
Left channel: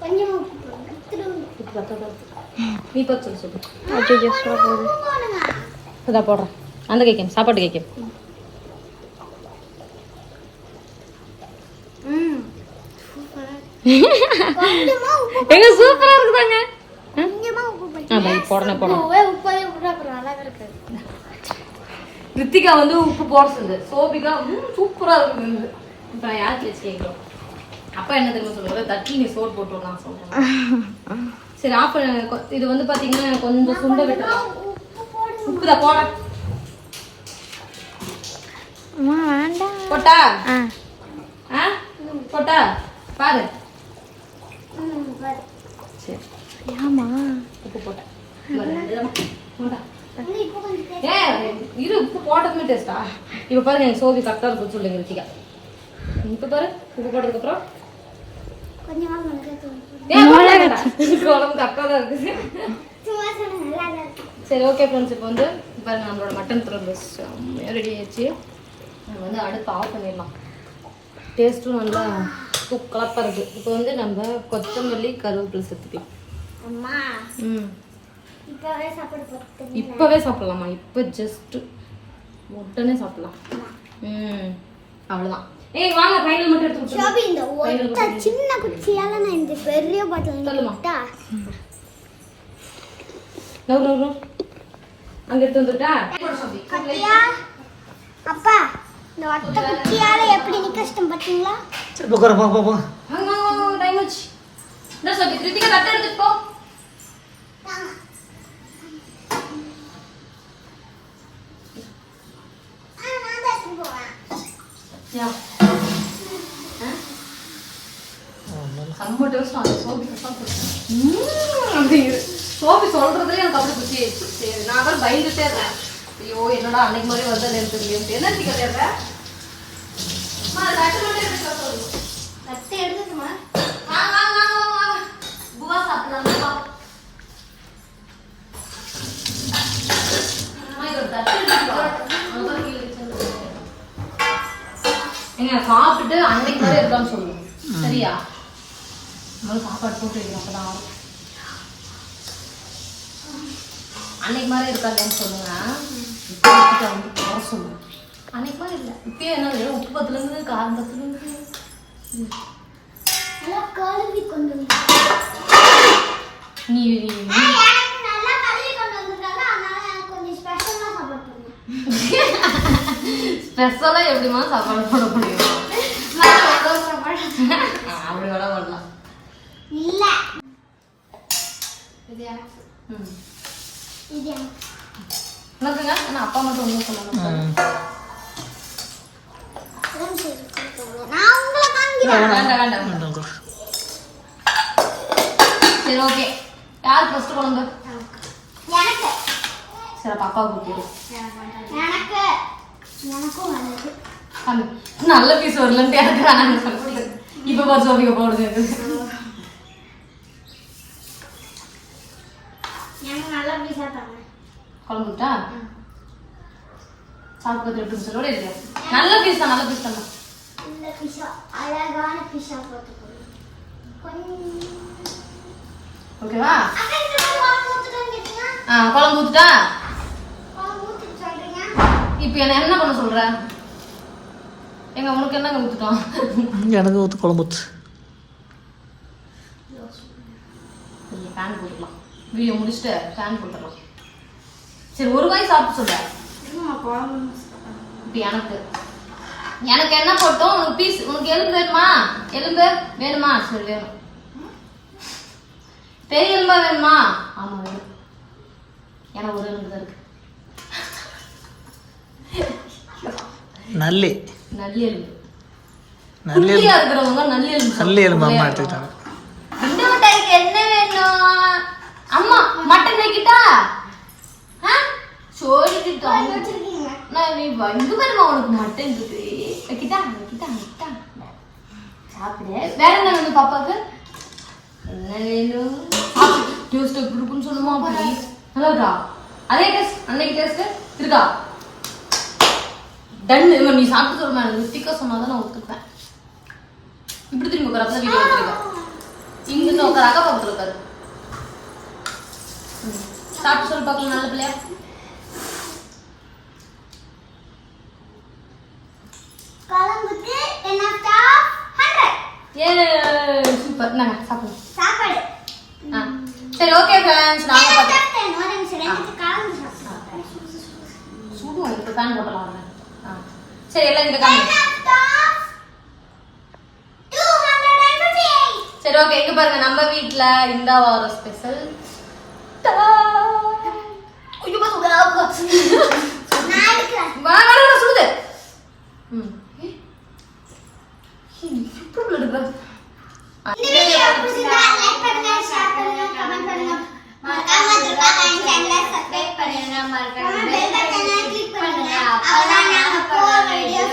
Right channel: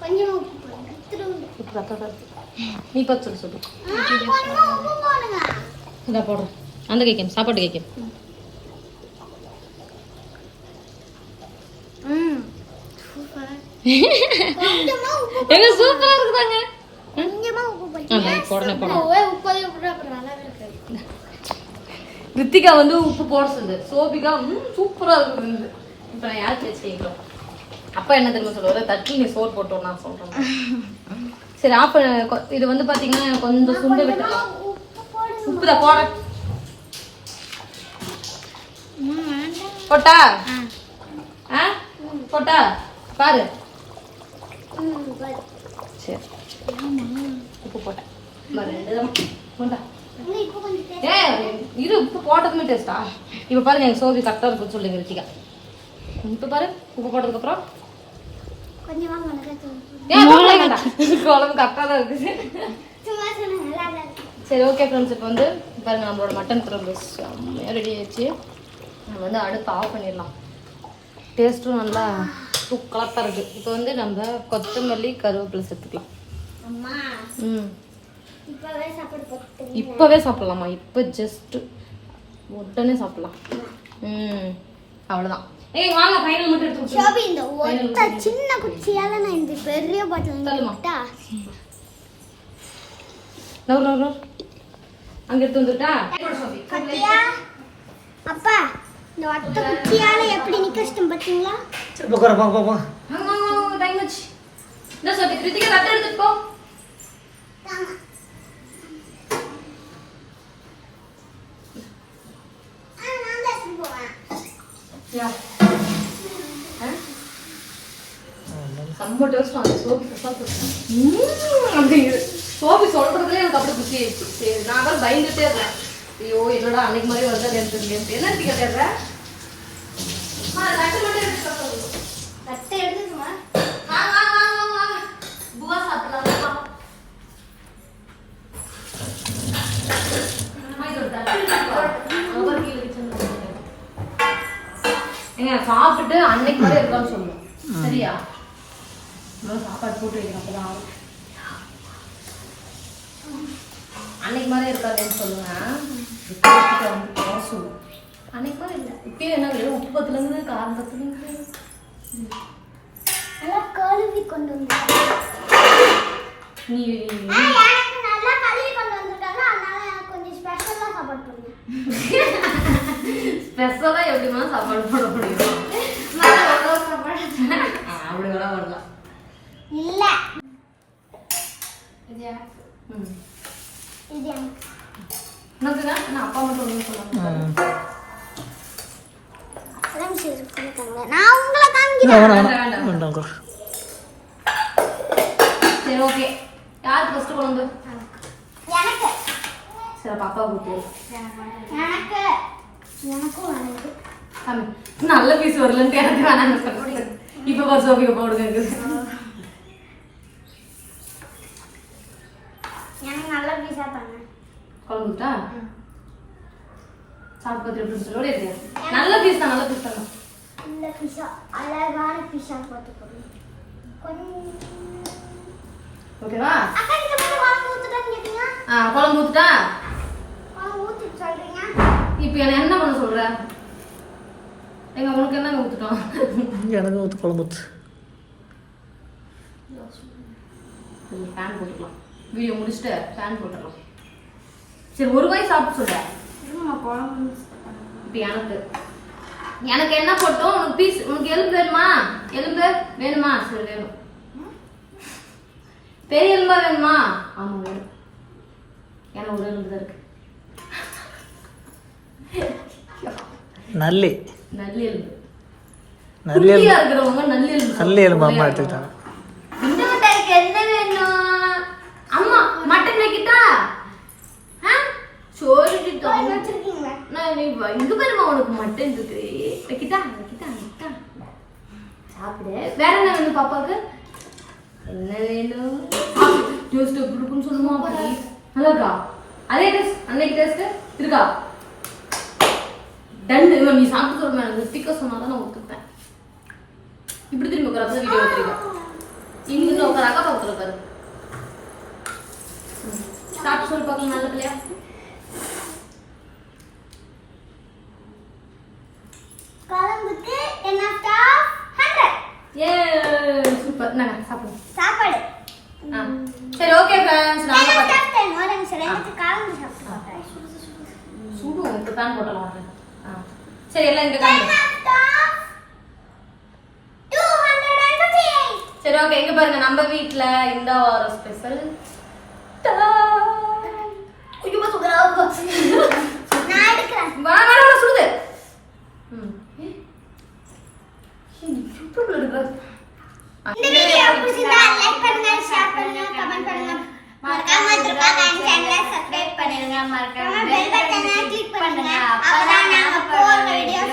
கொஞ்சம். நீ பார்த்து சொல்லு சொல்லு போடுறேன் அந்த கேக்கேன் சாப்பாட்டு உப்பு எங்க சூப்பரா இருக்குதாங்க? போடணும் போடணும் ரித்திகா வந்து உப்பு போட சொல்லுது. சோபிகா சூப்பரா இருக்குது இப்போ யாருக்கு வச்சு கேட்கும் அப்பா என்ன தெரியுமா சொல்லுவாரு? தட்டி நீ சோறு போட்டோம் நான் சொல்றேன். சரி ஆஃப் இது வந்து பாத்தீங்கன்னா கொஞ்சம் சுண்ட விட்டுலாம் உப்பு தான் போட. போட்டா? ஆ. போட்டா? பாரு. சரி. உப்பு போட்டேன். இது உப்பு போட்டதுமே டேஸ்டா இப்போ பாருங்க எனக்கு சோவி கரெக்டாக இருக்குன்னு சொல்லுங்க ரித்திகா. இப்போ பாரு உப்பு போட்டதுக்கு கரெக்டாக தான் இருக்குது சரி ஓகே ஃப்ரெண்ட்ஸ் இப்போ வந்து பாருங்க நம்மளோட மட்டன் குழம்பு ரெடி ஆயிடுச்சு. நம்ம வந்து அடுத்து ஆஃப் பண்ணிடலாம். டேஸ்ட்டும் நல்லா தூக்கலாக இருக்கு. இப்போ வந்து நம்ம கொத்தமல்லி கருவேப்பிலை சேர்த்துக்கலாம். அம்மா. ம். இப்பவே சாப்பாடு போட்டு இப்போவே சாப்பிடலாமா? இப்போ ஜஸ்ட் உடனே சாப்பிடலாம். ம். அவ்வளோதான் ஏய் வாங்க ஃபைனல் மட்டும் எடுத்து. ஷாபி இந்த ஒத்த சின்ன குச்சியால நான் இந்த பெரிய பாட்டில் சொல்லுமா. விட்டா நோ நோ நோ அங்க எடுத்து வந்துட்டா கட்டியா? அப்பா இந்த ஒத்த குச்சியால எப்படி நிக்க கஷ்டம் பாத்தீங்களா சரி உட்கார போ போ போ. வாங்க வாங்க வாங்க டைம் ஆச்சு. இந்த சொல்லி கிருத்திகா தட்டை போ. நான் ரொம்ப எடுத்துட்டு டேஸ்ட் அந்த சோபி அப்படிங்கிற சோப்பு சொல்றதுல எனக்கு அப்படி குச்சி ஆயிடுச்சு. சரி நான் கூட பயந்துட்டே இருந்தேன். ஐயோ என்னடா அன்னைக்கு மாதிரி வந்து எனக்கு என்ன டிக்கெட் அப்பதான் ஆகும் அன்னைக்கு மாதிரி இருக்காதுன்னு சொல்லுங்க. இப்போ வந்து குறை சொல்லுங்க அன்னைக்கு மாதிரி இல்லை. இப்பயே என்ன உப்பு பத்துல இருந்து காரம் பத்துல இருந்து நல்லா கழுவி கொண்டு நீ நல்லா கழுவி கொண்டு வந்திருக்காங்க. அதனால எனக்கு கொஞ்சம் ஸ்பெஷலா சாப்பாடு போடுங்க. ஸ்பெஷலா எப்படிமா சாப்பாடு போட முடியும்? சாப்பாடு ஆ, அப்படி வேணா பண்ணலாம் இல்ல. இது எனக்கு. ம். இது எனக்கு. உனக்குங்க நான் அப்பா மட்டும் ஒன்று சொன்னாங்க ம். ஃப்ரெண்ட்ஸ் இருக்காங்க நான் உங்களை காமிக்கிறேன் வேணாம், வேண்டாம், வேணாம். வேண்டாம். வேண்டாம். உட்காரு. சரி ஓகே யார் ஃபர்ஸ்ட் குழம்பு எனக்கு. சரி பாப்பாவுக்கு ஊற்றி எனக்கு. எனக்கும் எனக்கு கம்மி நல்ல பீஸ் வரலன்ட்டு எனக்கு சொல்லிட்டு. இப்போ பார்த்து சோபிக்க போடுது. எனக்கு நல்லா பீஸா பண்ணேன் குழம்பு ஊத்தா சாப்பிட்டு எப்படி சொல்லோட இருக்கு நல்ல பீஸ் தான் நல்ல பீஸ் தான். பிஸா அழகான பிஸா கொஞ்சம். ஓகேவா ஆ குழம்பு ஊத்துட்டா? இப்போ என்ன என்ன பண்ண சொல்ற? எங்க உனக்கு என்னங்க ஊத்துட்டோம்? எனக்கு ஊற்று குழம்பு கொஞ்சம் ஃபேன் போட்டுக்கலாம். வீடியோ முடிச்சுட்டு ஃபேன் போட்டுடலாம் சரி ஒரு வாய் சாப்பிட்டு சொல்ற இப்போ எனக்கு. எனக்கு என்ன போட்டோம்? உனக்கு பீஸ் உனக்கு எலும்பு வேணுமா? எலும்பு வேணுமா? சரி வேணும். பெரிய எலும்பா வேணுமா? ஆமா வேணும். எனக்கு ஒரு எலும்பு தான் இருக்கு. நல்லி. நல்ல எலும்பு. நல்லி இருக்கிறவங்க நல்ல எலும்பு நல்லி எலும்பு அம்மா எடுத்துக்கிட்டாங்க இந்த மிட்டாய்க்கு என்ன வேணும் அம்மா மட்டன் வைக்கிட்டா ஆ வச்சிருக்கீங்களா? நான் நீ இங்க பாருமா உனக்கு மட்டன் இருக்கு வைக்கிட்டா வைக்கிட்டா வைக்கிட்டா சாப்பிடு. வேற என்ன வேணும் பாப்பாக்கு என்ன வேணும்? டேஸ்ட் எப்படி இருக்குன்னு சொல்லுமா அப்படி. நல்லா இருக்கா? அதே டேஸ்ட் அன்னைக்கு டேஸ்ட் இருக்கா? டன் இவன் நீ சாப்பிட்டு சொல்லுமா எனக்கு ஸ்டிக்கர் சொன்னா தான் நான் ஒத்துப்பேன் இப்படி திரும்பி உட்கார அப்பதான் வீடியோ எடுத்துருக்கேன் இங்க இருந்து உட்கார அக்கா பக்கத்துல உட்காரு. ம். சாப்பிட்டு சொல்லு பார்க்கலாம் நல்ல பிள்ளையா? குழம்புக்கு என்ன ஸ்டாப் ஹண்ட்ரட் ஏ சூப்பர் நாங்க சாப்பிடுவோம் சாப்பாடு. சரி ஓகே ஃப்ரெண்ட்ஸ் நாங்க பார்த்தோம் ஒரு நிமிஷம் சுடு உங்களுக்கு வாங்க. ஆ சரி எல்லாம் இங்க காமி சரி ஓகே இங்க பாருங்க நம்ம வீட்ல இந்த வாரம் ஸ்பெஷல் ஐயோ சுடுதா நான் எடுக்கிறேன் வேணா வேணா சுடுது ம் ஏய். ஏய், எப்படி இருக்கு ஆ, இந்த வீடியோ பிடிச்சிருந்தா லைக் பண்ணுங்க ஷேர் பண்ணுங்க கமெண்ட் பண்ணுங்க மறக்காம துர்கா சேனலை சப்ஸ்கிரைப் மறக்காம பெல் பட்டனை கிளிக் பண்ணுங்க அப்பதான் நாங்க போற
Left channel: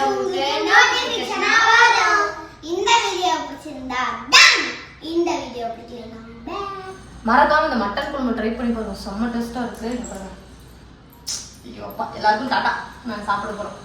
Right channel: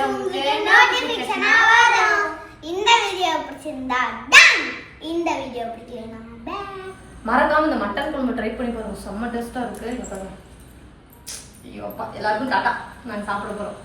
உங்களுக்கு நோட்டிபிகேஷனா வரும் இந்த வீடியோ பிடிச்சிருந்தா டன் இந்த வீடியோ பிடிச்சிருந்தா மறக்காம இந்த மட்டன் குழம்பு ட்ரை பண்ணி பாருங்க. செம்ம டேஸ்டா இருக்கு. ஐயோப்பா எல்லாருக்கும் டாட்டா நாங்க சாப்பிட போறோம்.